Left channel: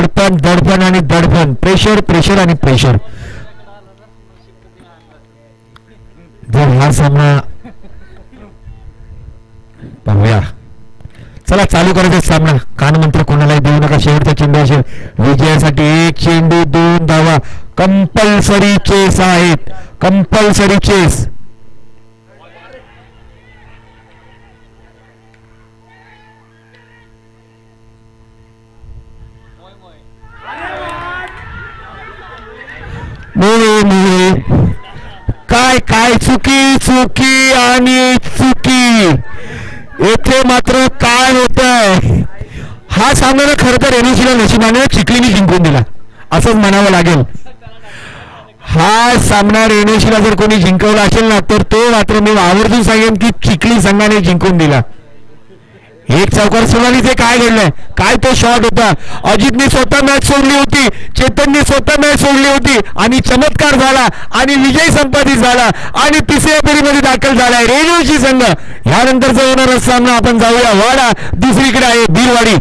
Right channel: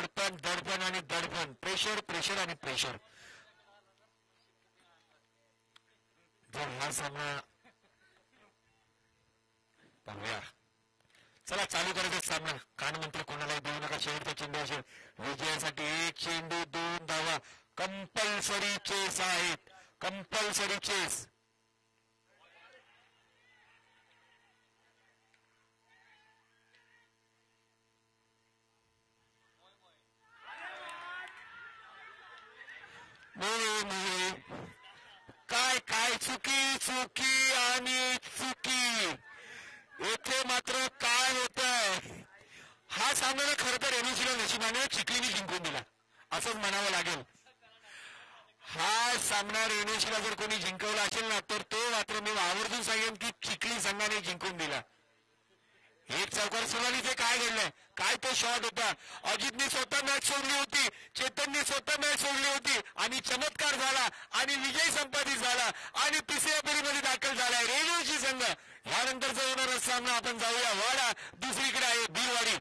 दडपण दडपण आणि दडपण, प्रेशर प्रेशर आणि प्रेशर. जर हा सामना पाहूया. चला चालू करायचा सामना. कानमंत्र कोणालाही देऊ नका. शेवटचा चेंडू असेल विजयासाठी. एक चेंडू 2 धावा. कंपल्सरी चेस आहेत, कंपल्सरी चेस. काय काय चुकी चुकी आणि चुकी. येथे मात्र काय होतंय. हा सामना खरं तर एनएसीला नशिबाने चिखलीने जिंकून दिला असंच म्हणावं लागेल. हा सामना एनएसीला जर कोणी जिंकवला असेल ना तर तो मात्र मी आवर्जून सांगेन की चिखली संघाने जिंकून दिला. एक चौकार सोनालीचे काय घडलंय. काय तो शॉट होता. अजितने स्वतः मॅच सोडली होती, चेतनने स्वतः मॅच सोडली होती आणि चमत्कार झाला आणि विजय संपादित झाला आणि तिसऱ्या फेरीमध्ये दाखल झालाय रेणुशी संघ. यानंतरचा होणारा सामना आपण जाऊया वाडा. दुसरीकडे आहे बीरवाडी.